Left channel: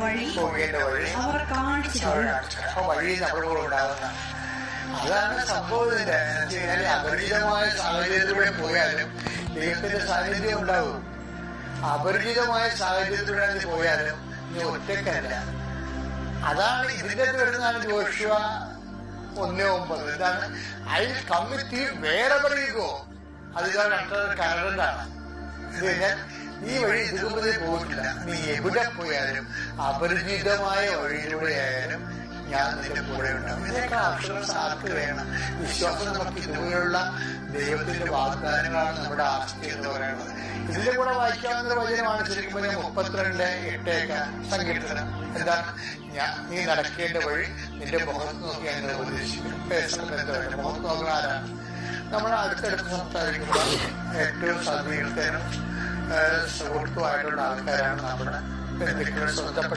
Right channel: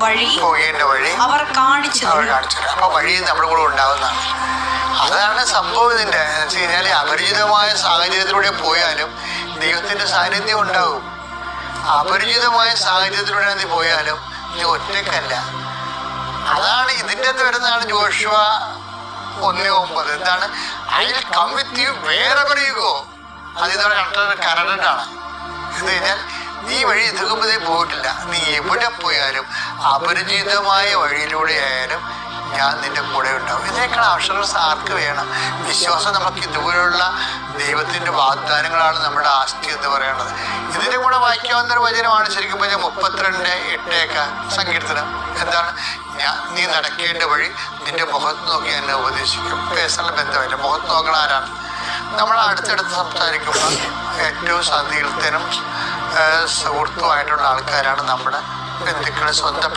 വഴി പോകേണ്ട വഴി അവർ കാണിച്ചു അപ്പൊ വഴി നമ്മുടെ കൂടെ ഉണ്ടാവുന്നതാണ്. അതാണ് സംഭവം. ഇതിന്റെ എന്ന് വെച്ചാൽ അപരിചിതമായ സാഹചര്യത്തിലൂടെ പോയാലും ദൈവത്തിന്റെ സാന്നിധ്യം ഉണ്ടാവും. അപരിചിതമായ സാഹചര്യത്തിലൂടെ നീ പോയാലും നീ ഒറ്റയ്ക്കല്ല. അതാണ് ഇതിന്റെ വരുന്നതാണ് ജോഷുവ 1:9. എന്താണ്? I will come with you wherever you go. അത് ഇതാണ് കരണ്ടാണ്. ഇത് കഴിഞ്ഞാൽ നീ വഴി എതിർക്കുമ്പോഴേ പോയിട്ടില്ല. നീ എവിടെ പോയാലും അപരിചിതമായ വഴിയിലൂടെ ആയാലും ഞാൻ നിന്റെ കൂടെ ഉണ്ടാവും. ഇതിനേക്കാൾ അക്ഷരസ് ആർക്ക് വേണം? വിശ്വാസം നമുക്ക് ഇതുപോലുള്ള ദൈവത്തിന്റെ വാഗ്ദാനങ്ങളാണ് നമ്മുടെ ആസ്തി എന്ന് പറയുന്നത്. ഇതിനെ കൂടെ വായിക്കാവുന്ന ഒരു വചനമാണ് ശരിക്കും പറഞ്ഞാൽ 32:8 സങ്കീർത്തനം. എന്താണ്? നീ നടക്കേണ്ട വഴി നിന്റെ മുഖത്ത് നോക്കി എന്നെ ഉപദേശിക്കും. പേഴ്സണൽ ബന്ധമല്ല, മുഖത്ത് നോക്കണ ആരാണ്? നമ്മൾ അടുത്തടുത്ത് സംസാരിക്കുമ്പോൾ ഏറ്റവും സങ്കീർത്തനും സുഹൃത്തുമായിട്ടുള്ള ആൾക്കാരാണ് നമ്മുടെ ബന്ധുക്കളെ സ്വന്തം